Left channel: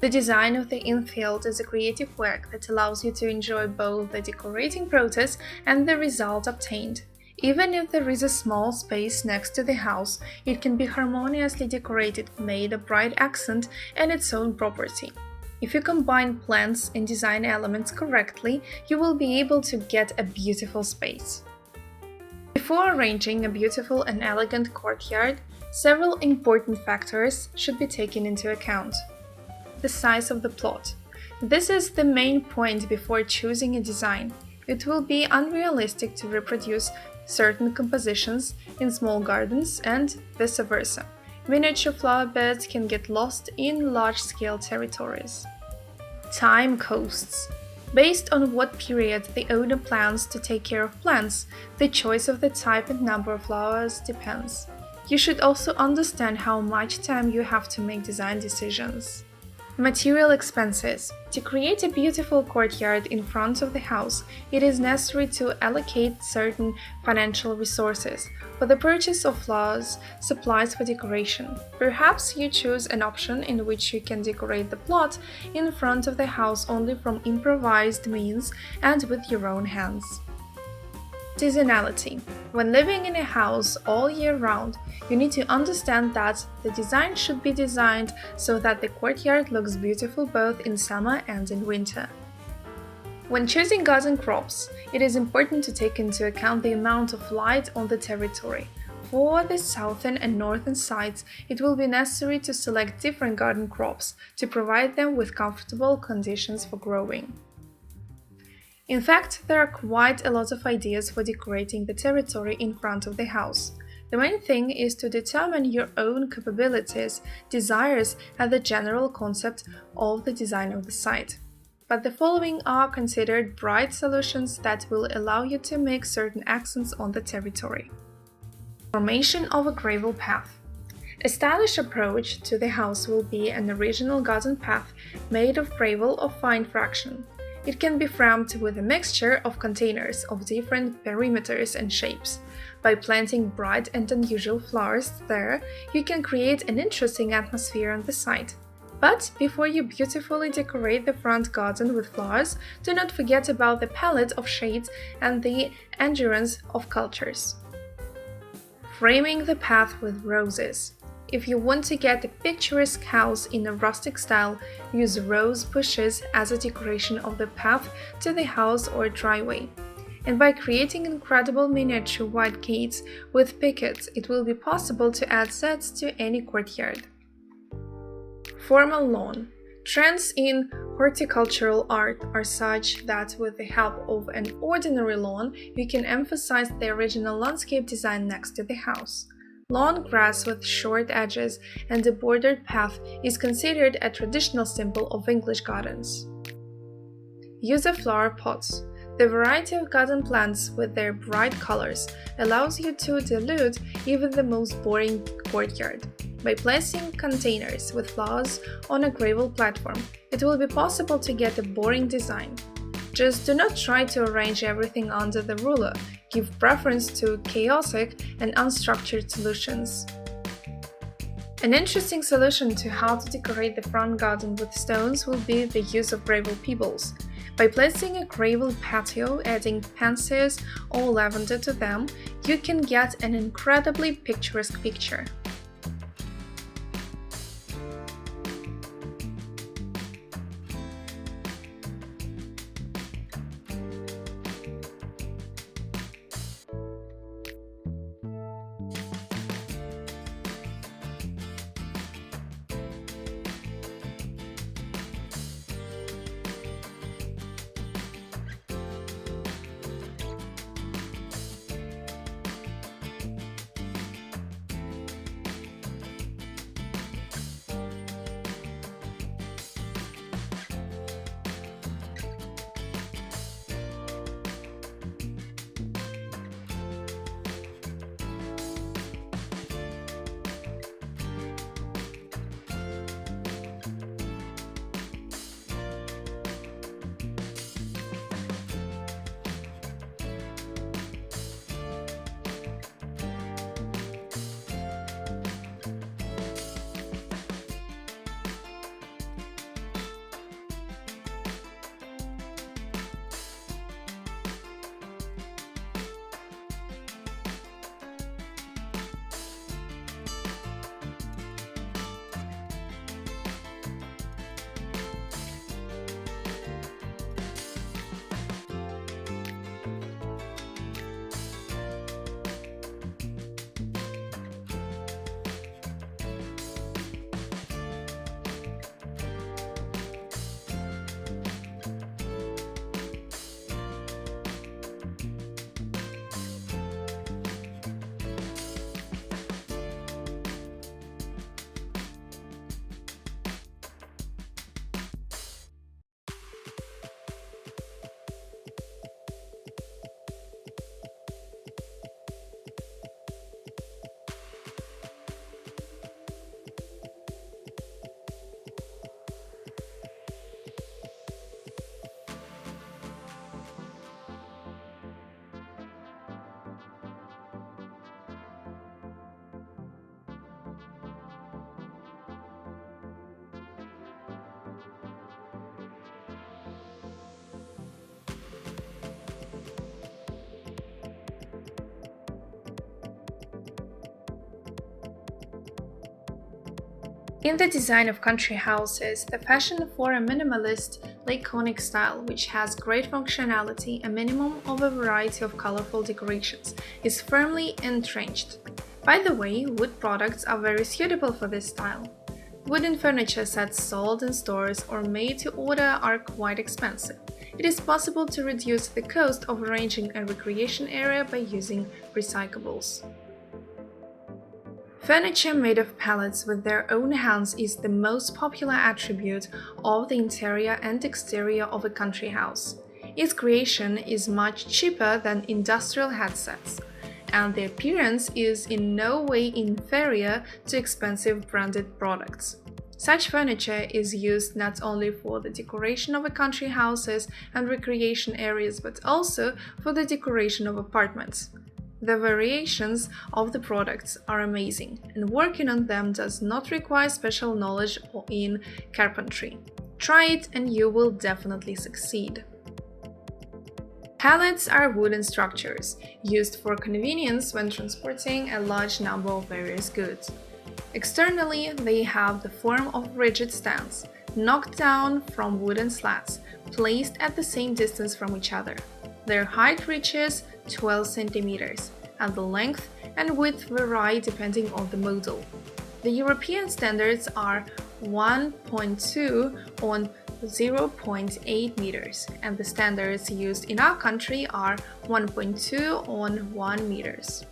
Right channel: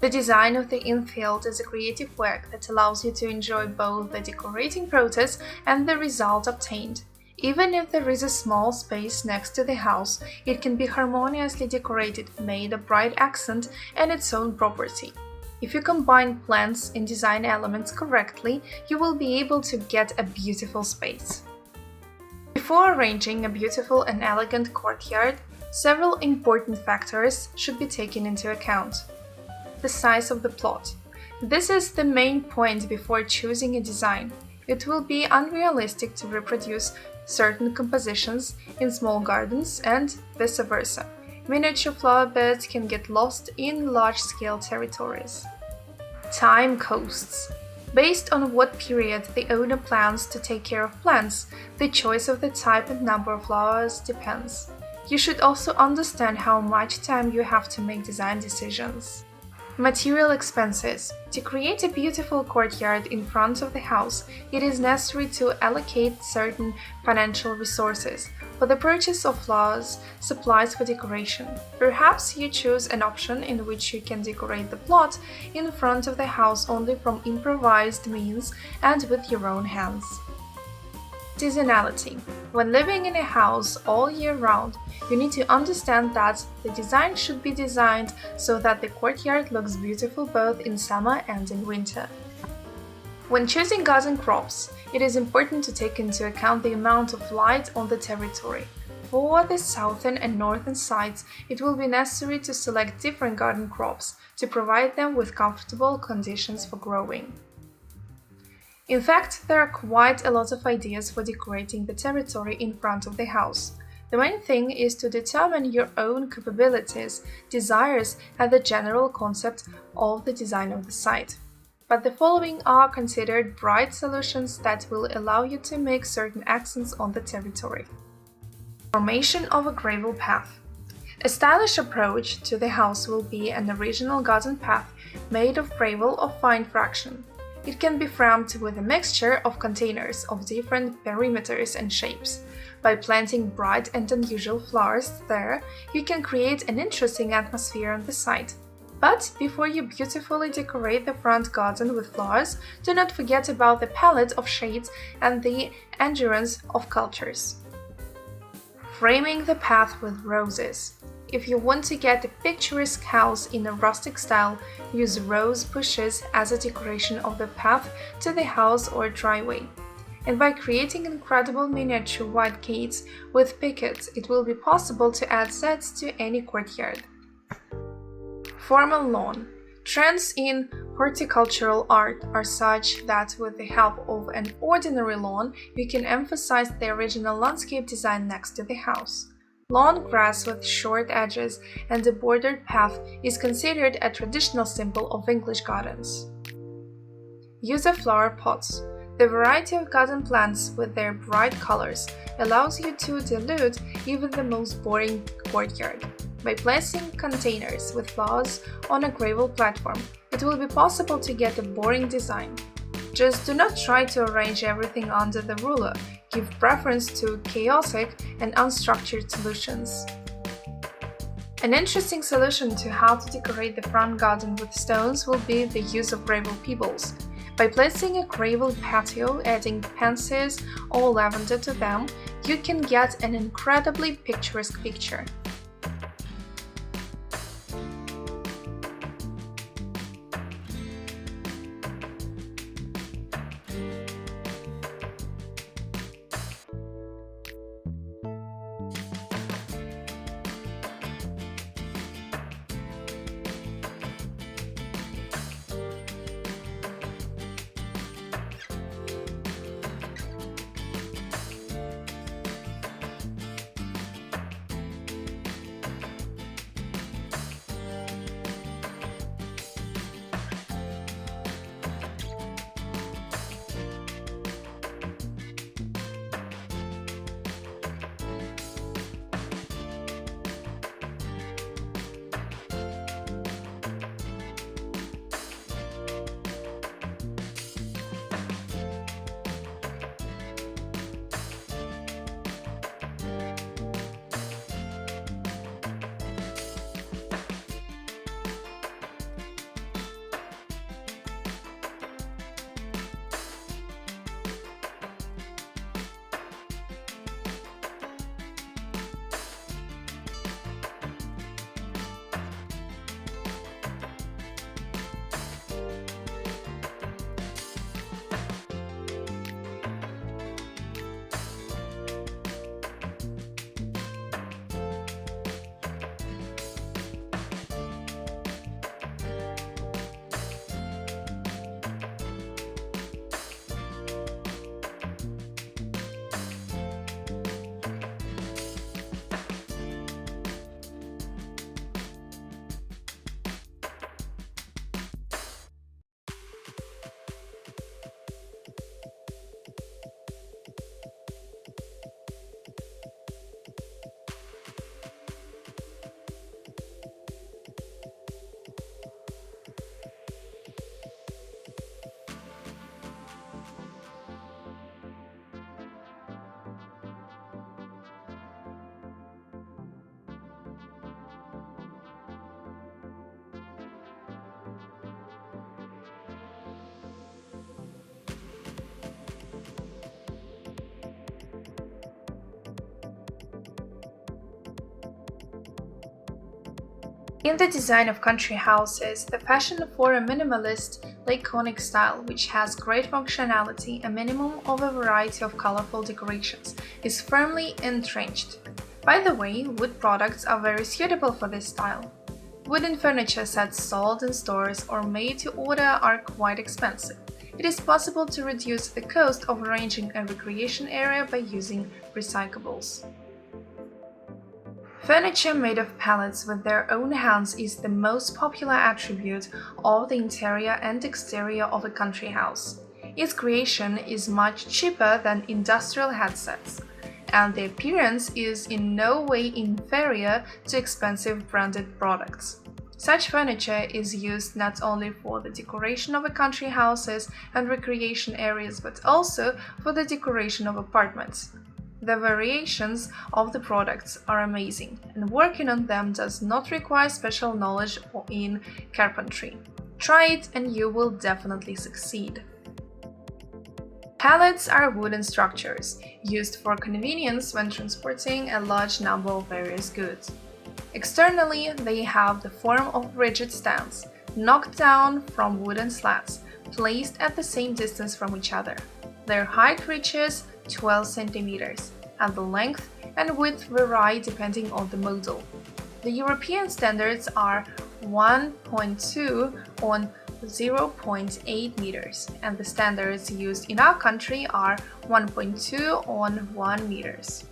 The design of the infield is a creative work that allows you to enjoy both the decorating process and the result obtained. Even if there is a small space next to the house, it can be harmoniously decorated, made a bright accent and its own property. If you combine plants and design elements correctly, you will be able to get a beautiful space. Before arranging a beautiful and elegant courtyard, several important factors should be taken into account. The size of the plot. This is the main point before choosing a design. It will be unrealistic to reproduce certain compositions in small gardens and vice versa. Miniature flower beds can get lost in large-scale territories. Time costs. Based on what period the owner plans to take care of plants, the choice of the type and number of flowers depends. You should also understand how much time you have to make design decisions. Material expenses. To create a beautiful courtyard in front of the house, it is necessary to allocate certain financial resources for the purchase of flowers, supplies for decoration. Perhaps you choose an option in which you can decorate the plot in front of the house only from improvised means and with your own hands. Seasonality. When living in a house all year round, you need to understand that the design should be designed so that the courtyard looks beautiful both in summer and in winter. When choosing garden crops, it is important to take into account the amount of light on the territory. For the southern and northern sides, it will be necessary to select different garden crops to provide them with comfortable conditions for growing. In fact, there are quite a lot of ideas for decorating the territory in front of the house. The main thing is to determine your own capabilities, desires, and the general concept of the design of the site. But the following are considered bright solutions that will allow you to make certain accents on the territory. Formation of a gravel path. A stylish approach to the house will be an original garden path made of gravel of fine fraction. It can be framed with a mixture of containers of different perimeters and shapes. By planting bright and unusual flowers there, you can create an interesting atmosphere on the site. But before you beautifully decorate the front garden with flowers, do not forget about the palette of shades and the endurance of cultures. Framing the path with roses. If you want to get a picturesque house in a rustic style, use rose bushes as a decoration of the path to the house or driveway. And by creating incredible miniature white gates with pickets, it will be possible to add sets to any courtyard. Formal lawn. Trends in horticultural art are such that with the help of an ordinary lawn, you can emphasize the original landscape design next to the house. Lawn grass with short edges and a bordered path is considered a traditional symbol of English gardens. Use of flower pots. The variety of garden plants with their bright colors allows you to dilute even the most boring courtyard. By placing containers with flowers on a gravel platform, it will be possible to get a boring design. Just do not try to arrange everything under the ruler. Give preference to chaotic and unstructured solutions. An interesting solution to how to decorate the front garden with stones will be the use of gravel pebbles. By placing a gravel patio, adding pansies or lavender to them, you can get an incredibly picturesque picture. In the design of country houses, the fashion for a minimalist, laconic style, which has great functionality, a minimum of a variety of colorful decorations, is firmly entrenched. By the way, wood products are very suitable for this style. Wooden furniture sets sold in stores or made to order are quite expensive. It is possible to reduce the cost of arranging a recreation area by using recyclables. Furniture made of pallets with their own hands is the most popular attribute of the interior and exterior of a country house. Its creation is much cheaper than industrial headsets, and the appearance is in no way inferior to expensive branded products. Such furniture is used not only for the decoration of a country houses and recreation areas but also for the decoration of apartments. The variations of the products are amazing, and working on them does not require special knowledge in carpentry. Try it and you will definitely succeed. Pallets are wooden structures used for convenience when transporting a large number of various goods. Externally, they have the form of rigid stands, knocked down from wooden slats, placed at the same distance from each other. Their height reaches 12 centimeters, and the length and width vary depending on the model. The European standards are 1.2 on 0.8 meters, and the standards used in our country are 1.2 on 1 meters.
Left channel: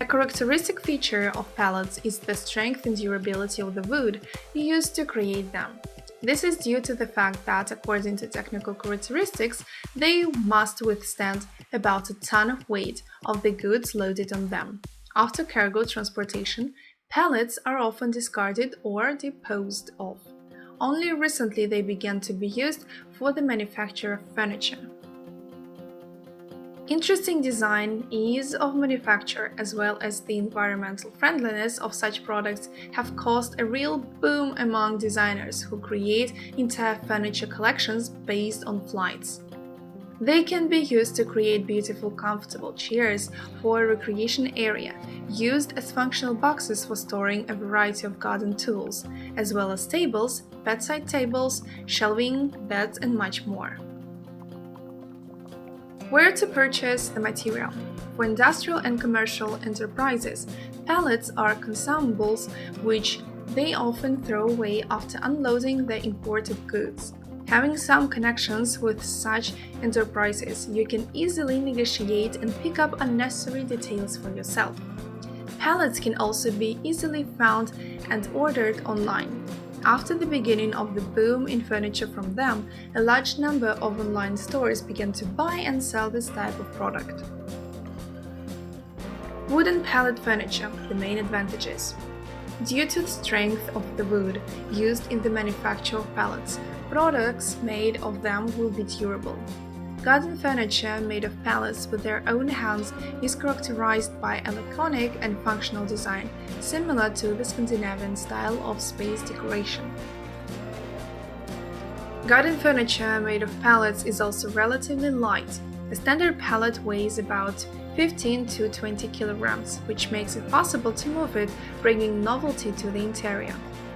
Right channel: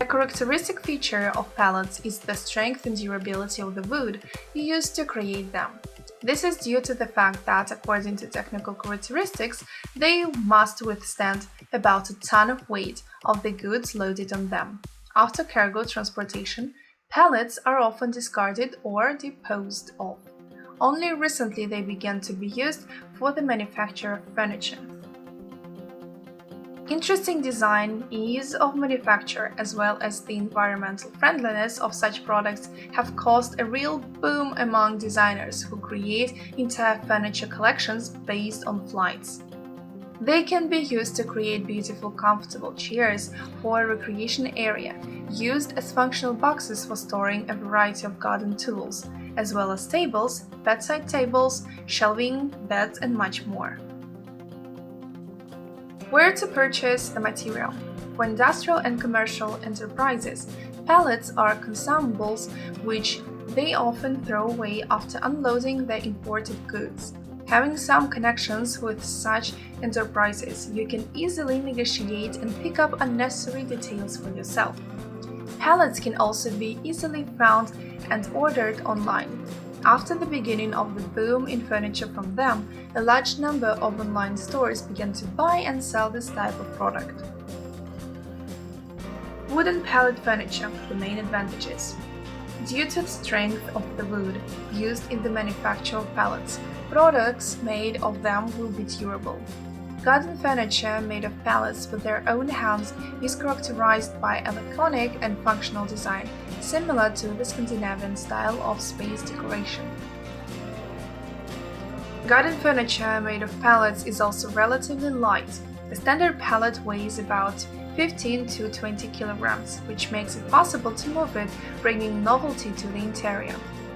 A characteristic feature of pallets is the strength and durability of the wood used to create them. This is due to the fact that, according to technical characteristics, they must withstand about a ton of weight of the goods loaded on them. After cargo transportation, pallets are often discarded or disposed of. Only recently they began to be used for the manufacture of furniture. Interesting design, ease of manufacture, as well as the environmental friendliness of such products have caused a real boom among designers who create entire furniture collections based on flights. They can be used to create beautiful, comfortable chairs for a recreation area, used as functional boxes for storing a variety of garden tools, as well as tables, bedside tables, shelving, beds, and much more. Where to purchase the material? For industrial and commercial enterprises, pallets are consumables which they often throw away after unloading their imported goods. Having some connections with such enterprises, you can easily negotiate and pick up unnecessary details for yourself. Pallets can also be easily found and ordered online. After the beginning of the boom in furniture from them, a large number of online stores began to buy and sell this type of product. Wooden pallet furniture, the main advantages. Due to the strength of the wood used in the manufacture of pallets, products made of them will be durable. Garden furniture made of pallets with their own hands is characterized by a laconic and functional design, similar to the Scandinavian style of space decoration. Garden furniture made of pallets is also relatively light. A standard pallet weighs about 15 to 20 kilograms, which makes it possible to move it, bringing novelty to the interior.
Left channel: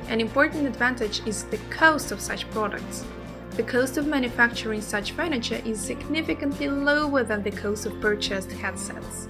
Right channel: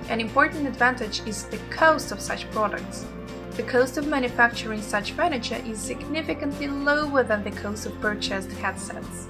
An important advantage is the cost of such products. The cost of manufacturing such furniture is significantly lower than the cost of purchased headsets.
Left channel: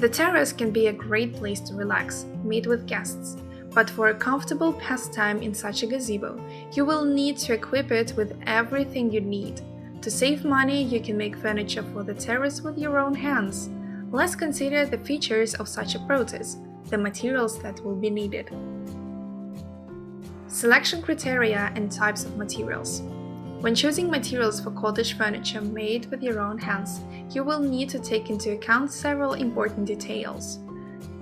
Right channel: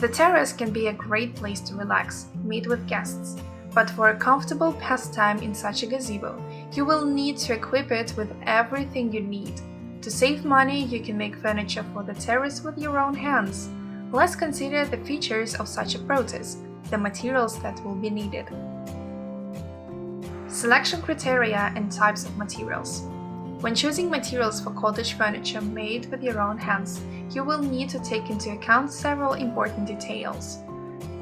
The terrace can be a great place to relax, meet with guests, but for a comfortable pastime in such a gazebo, you will need to equip it with everything you need. To save money, you can make furniture for the terrace with your own hands. Let's consider the features of such a process, the materials that will be needed. Selection criteria and types of materials. When choosing materials for cottage furniture made with your own hands, you will need to take into account several important details.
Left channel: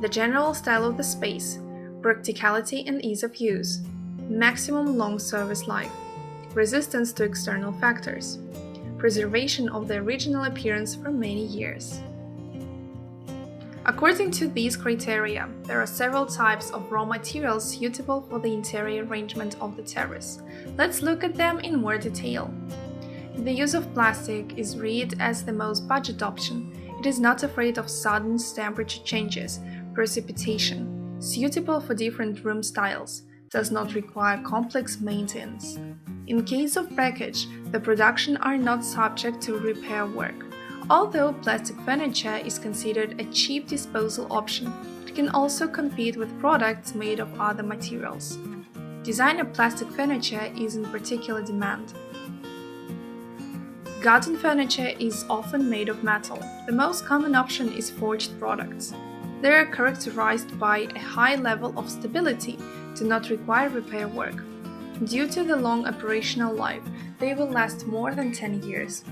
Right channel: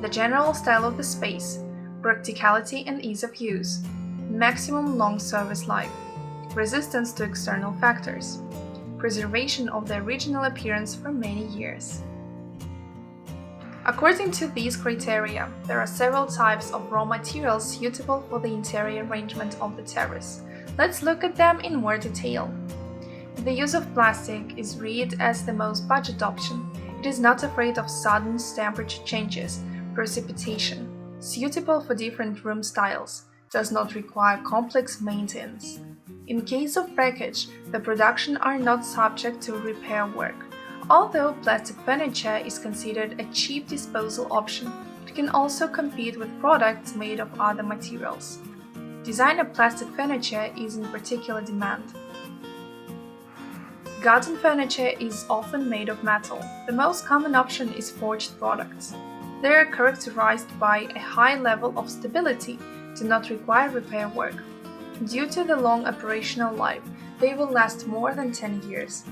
The general style of the space, practicality and ease of use, maximum long service life, resistance to external factors, preservation of the original appearance for many years. According to these criteria, there are several types of raw materials suitable for the interior arrangement of the terrace. Let's look at them in more detail. The use of plastic is read as the most budget option. It is not afraid of sudden temperature changes, precipitation, suitable for different room styles, does not require complex maintenance. In case of breakage, the production are not subject to repair work. Although plastic furniture is considered a cheap disposal option, it can also compete with products made of other materials. Designer plastic furniture is in particular demand. Garden furniture is often made of metal. The most common option is forged products. They are characterized by a high level of stability, do not require repair work. Due to the long operational life, they will last more than 10 years.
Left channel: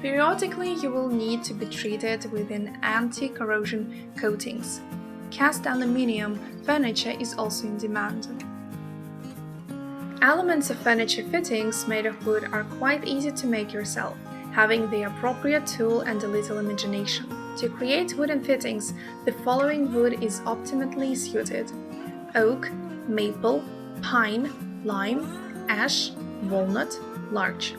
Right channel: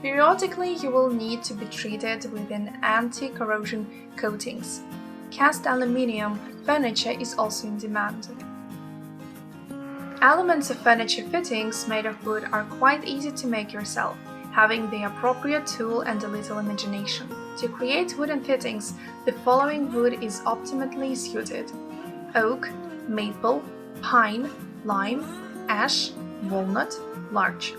Periodically, you will need to be treated with an anti-corrosion coatings. Cast aluminium furniture is also in demand. Elements of furniture fittings made of wood are quite easy to make yourself, having the appropriate tool and a little imagination. To create wooden fittings, the following wood is optimally suited: oak, maple, pine, lime, ash, walnut, larch.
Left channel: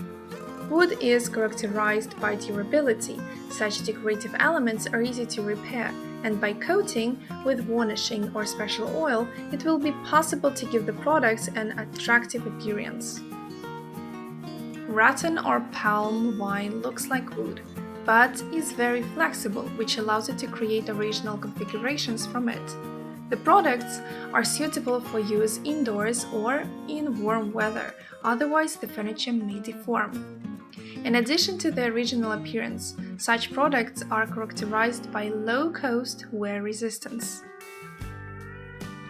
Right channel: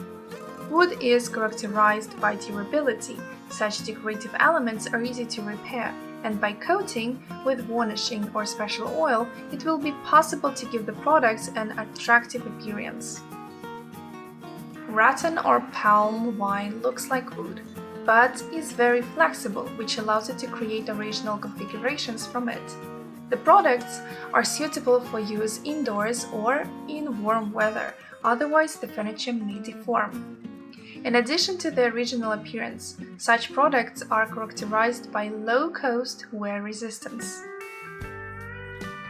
Wood is characterized by durability. Such decorative elements are easy to repair, and by coating with varnishing or special oil, it will be possible to give the products an attractive appearance. Rattan or palm wine looks like wood, but is very flexible, which allows you to create original configurations from it. The products are suitable for use indoors or in warm weather, otherwise the furniture may deform. In addition to the original appearance, such products are characterized by low-cost wear resistance.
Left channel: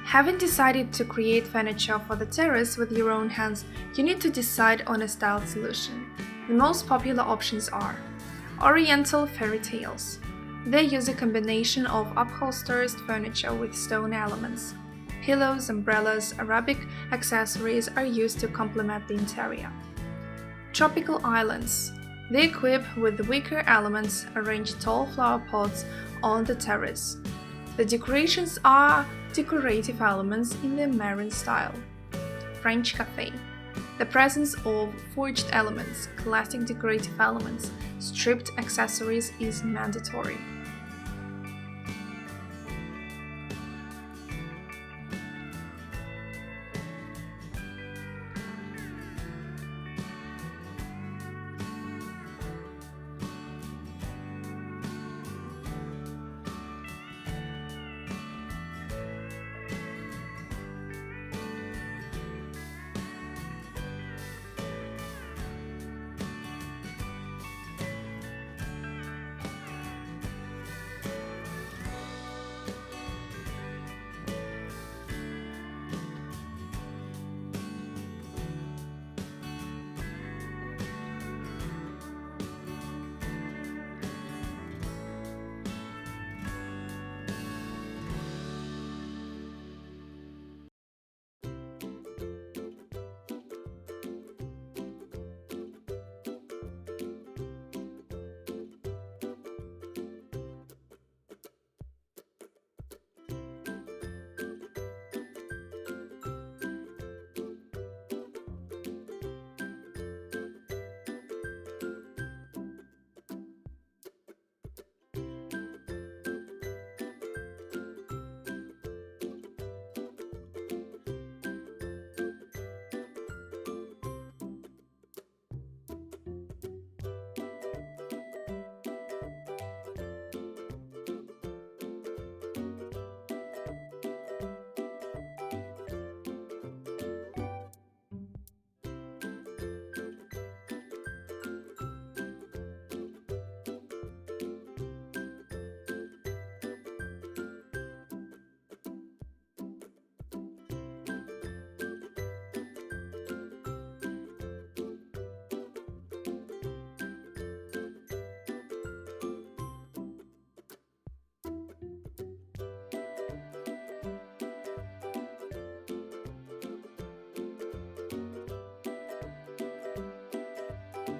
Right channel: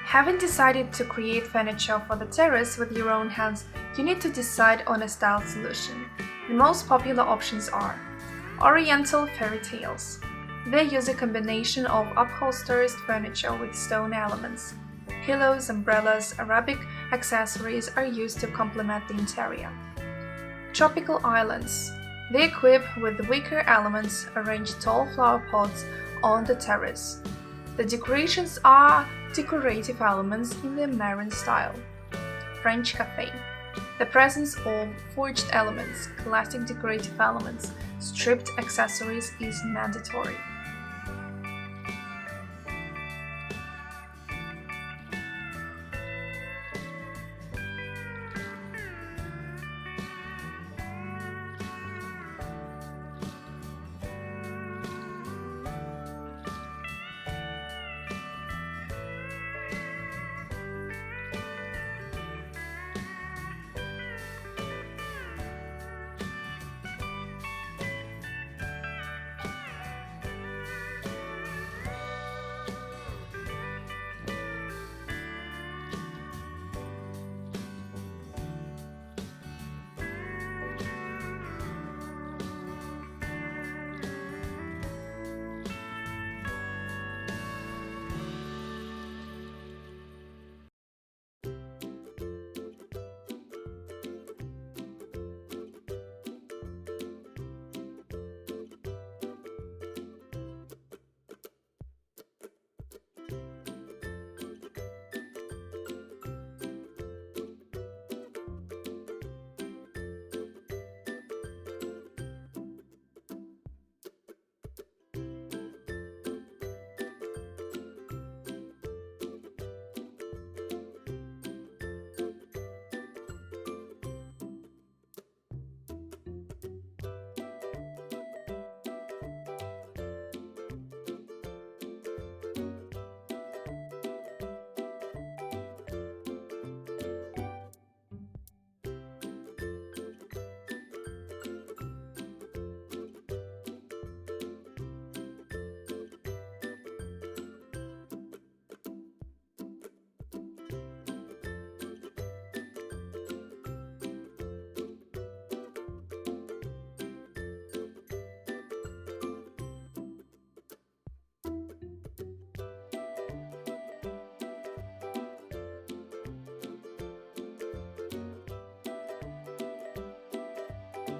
Having decided to create furniture for the terrace with your own hands, you need to decide on a style solution. The most popular options are Oriental fairy tales. They use a combination of upholstered furniture with stone elements. Pillows, umbrellas, Arabic accessories are used to complement the interior. Tropical islands. They equip with wicker elements, arrange tall flower pots on the terrace. The decorations are decorative elements in the marine style. French cafe. The presence of forged elements, classic decorative elements, stripped accessories is mandatory.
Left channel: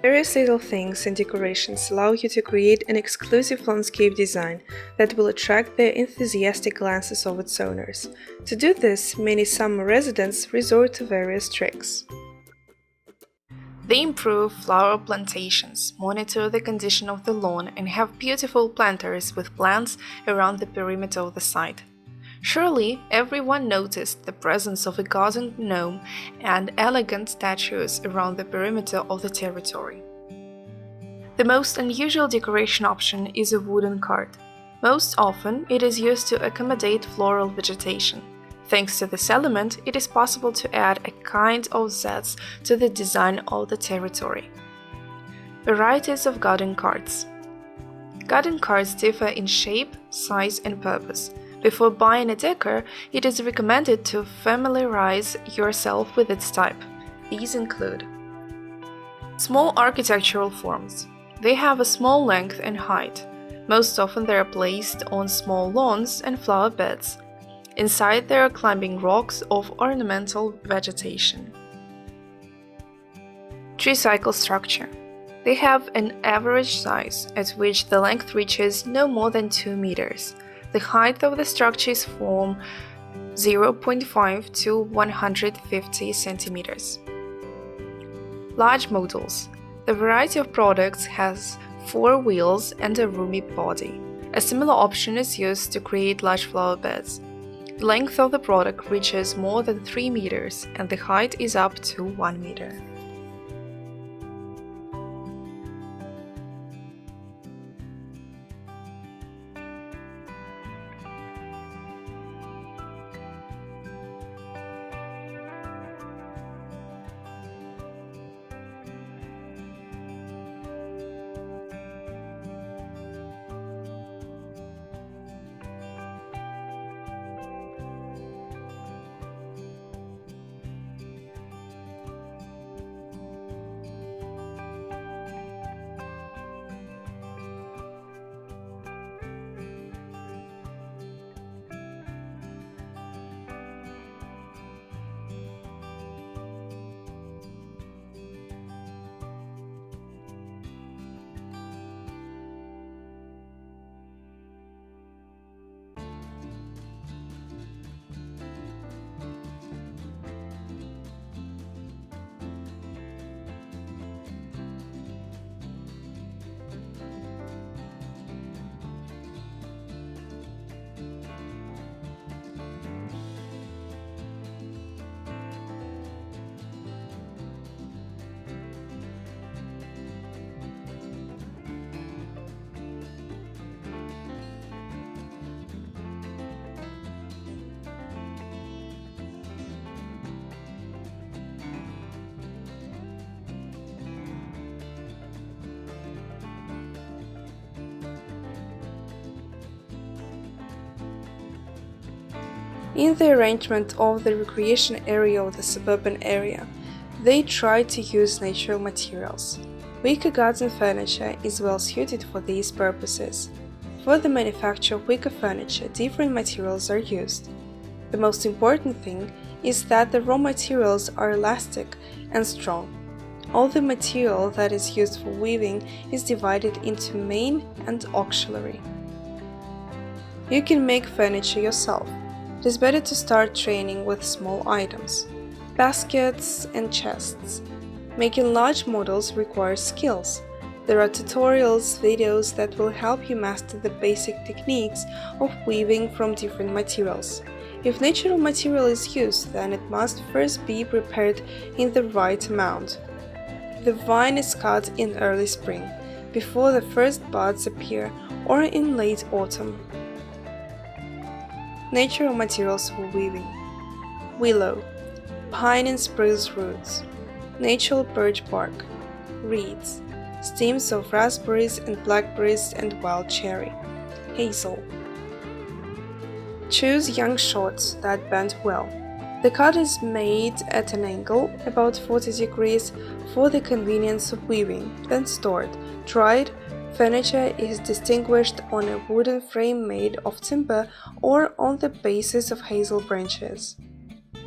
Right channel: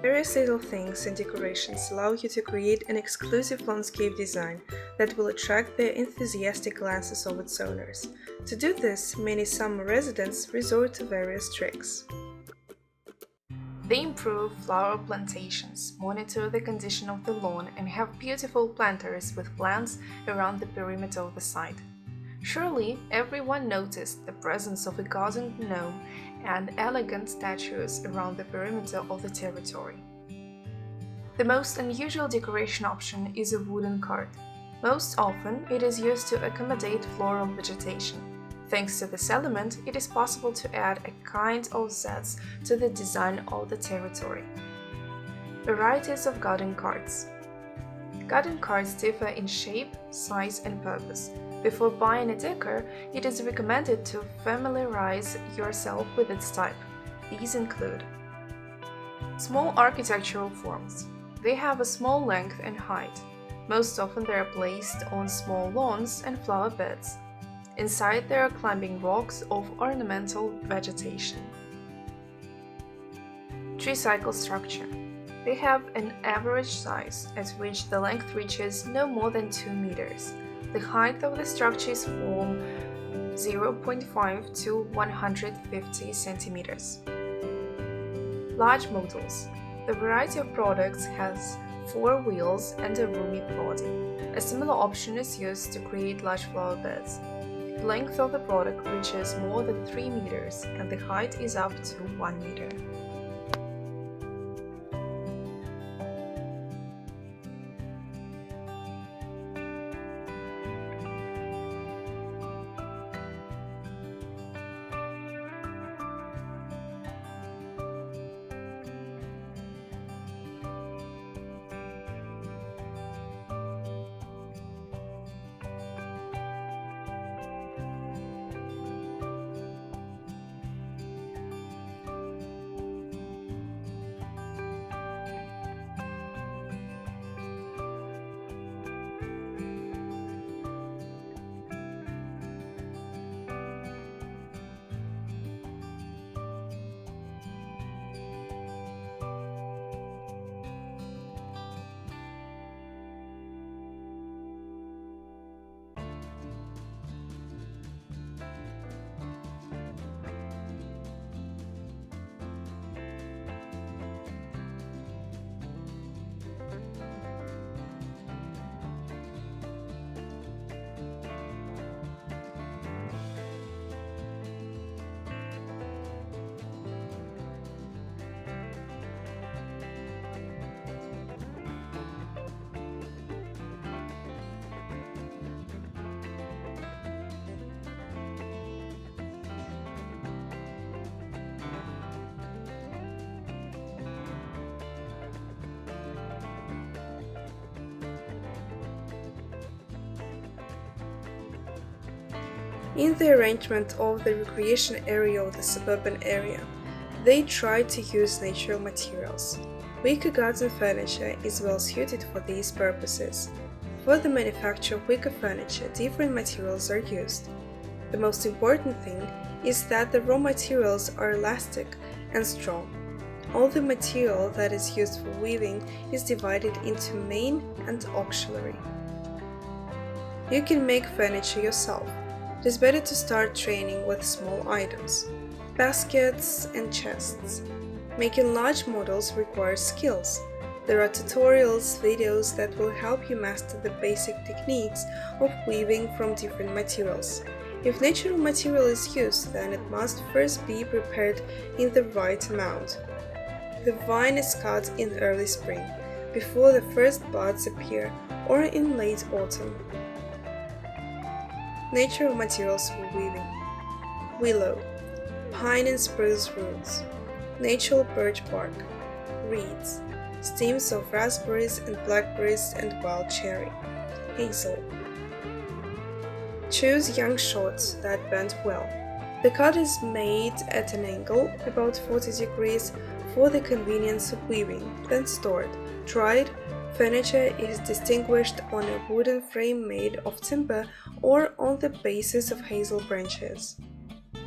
Various little things and decorations allow you to create an exclusive landscape design that will attract the enthusiastic glances of its owners. To do this, many summer residents resort to various tricks. They improve flower plantations, monitor the condition of the lawn, and have beautiful planters with plants around the perimeter of the site. Surely, everyone noticed the presence of a garden gnome and elegant statues around the perimeter of the territory. The most unusual decoration option is a wooden cart. Most often, it is used to accommodate floral vegetation. Thanks to this element, it is possible to add a kind of zest to the design of the territory. Varieties of garden carts. Garden carts differ in shape, size, and purpose. Before buying a decor, it is recommended to familiarize yourself with its type. These include small architectural forms. They have a small length and height. Most often they are placed on small lawns and flower beds. Inside there are climbing rocks of ornamental vegetation. Tree cycle structure. They have an average size, at which the length reaches no more than 2 meters. The height of the structure is from 0.5 to 150 centimeters. Large models. The variety of products has 4 wheels and a roomy body. A similar option is used to create large flower beds. The length of the product reaches more than 3 meters and the height is up to 1 meter. In the arrangement of the recreation area of the suburban area, they try to use natural materials. Wicker garden furniture is well suited for these purposes. For the manufacture of wicker furniture, different materials are used. The most important thing is that the raw materials are elastic and strong. All the material that is used for weaving is divided into main and auxiliary. You can make furniture yourself. It is better to start training with small items, baskets and chests. Making large models requires skills. There are tutorials, videos that will help you master the basic techniques of weaving from different materials. If natural material is used, then it must first be prepared in the right amount. The vine is cut in early spring, before the first buds appear, or in late autumn. Natural materials for weaving: willow, pine and spruce roots, natural birch bark, reeds, stems of raspberries and blackberries and wild cherry, hazel. Choose young shoots that bend well. The cut is made at an angle, about 40 degrees, for the convenience of weaving, then stored. Dried furniture is distinguished on a wooden frame made of timber or on the basis of hazel branches.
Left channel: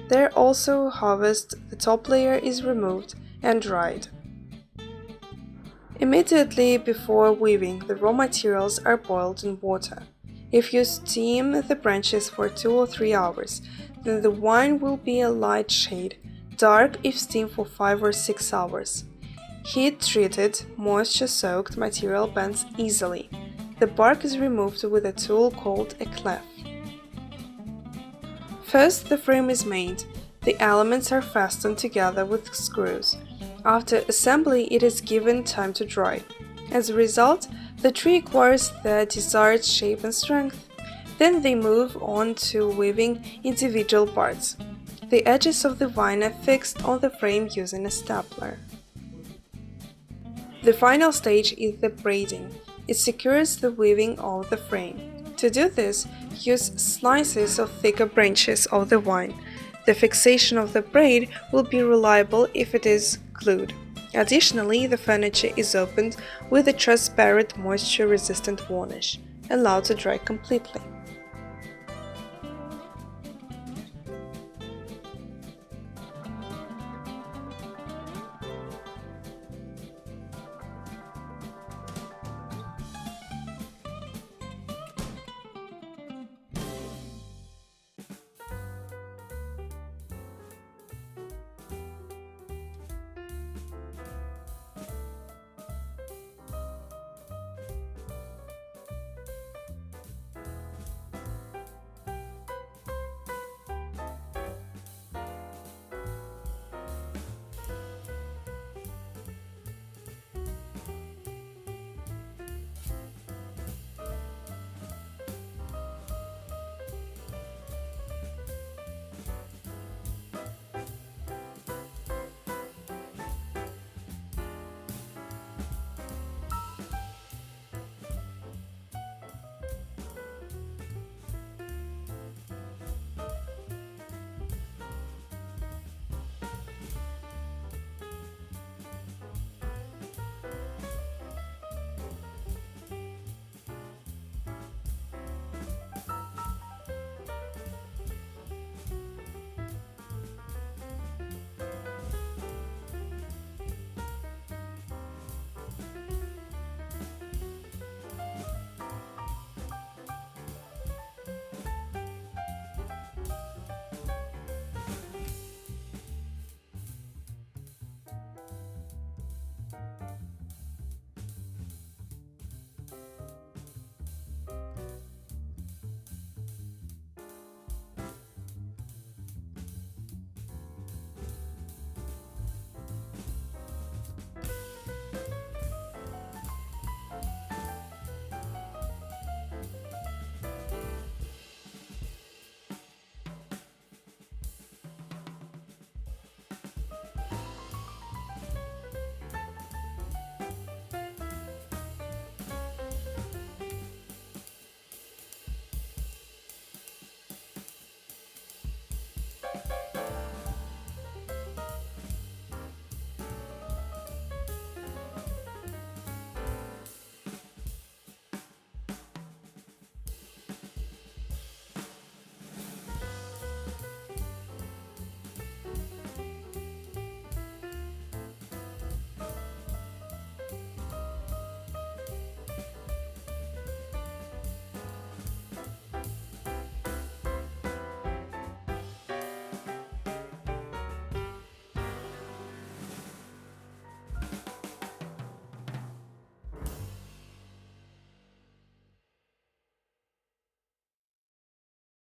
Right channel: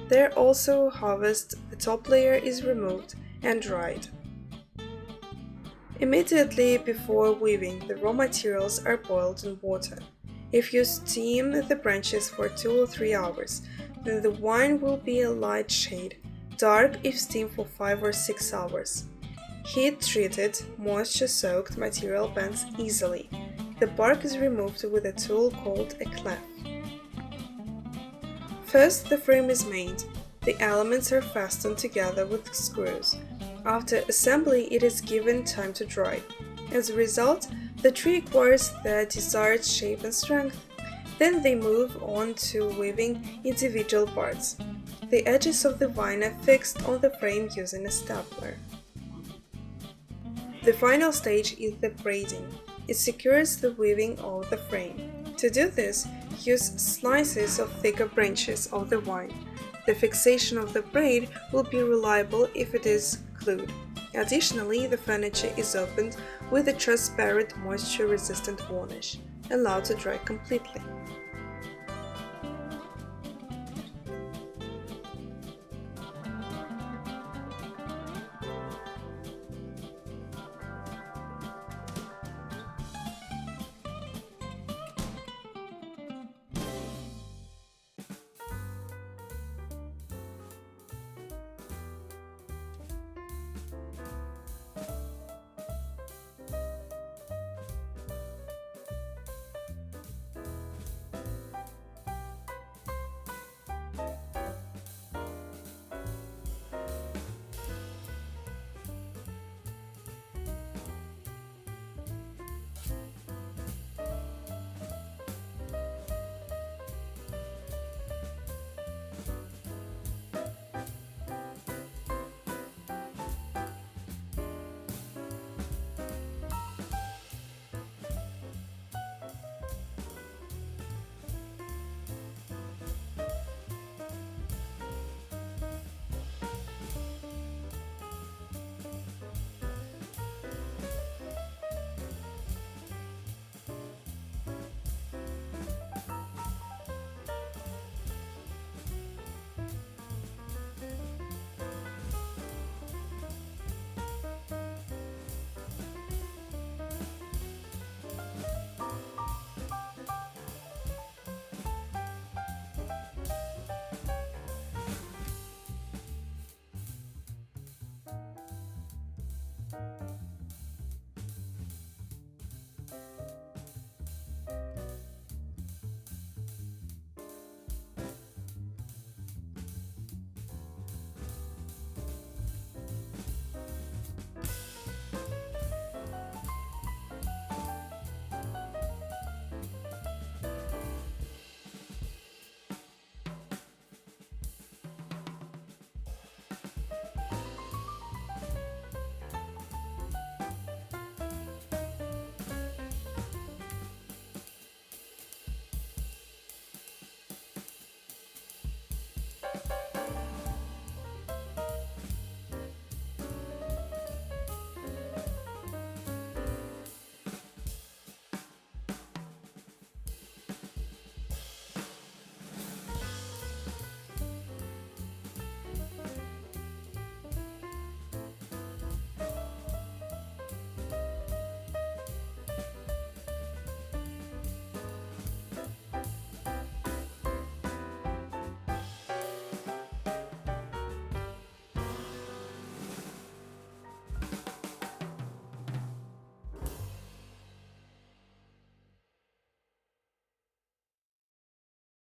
There also harvest, the top layer is removed and dried. Immediately before weaving, the raw materials are boiled in water. If you steam the branches for 2 or 3 hours, then the wine will be a light shade, dark if steamed for 5 or 6 hours. Heat-treated, moisture-soaked material bends easily. The bark is removed with a tool called a clef. First, the frame is made. The elements are fastened together with screws. After assembly, it is given time to dry. As a result, the tree acquires their desired shape and strength. Then they move on to weaving individual parts. The edges of the vine are fixed on the frame using a stapler. The final stage is the braiding. It secures the weaving of the frame. To do this, use slices of thicker branches of the vine. The fixation of the braid will be reliable if it is glued. Additionally, the furniture is opened with a transparent moisture-resistant varnish, allowed to dry completely.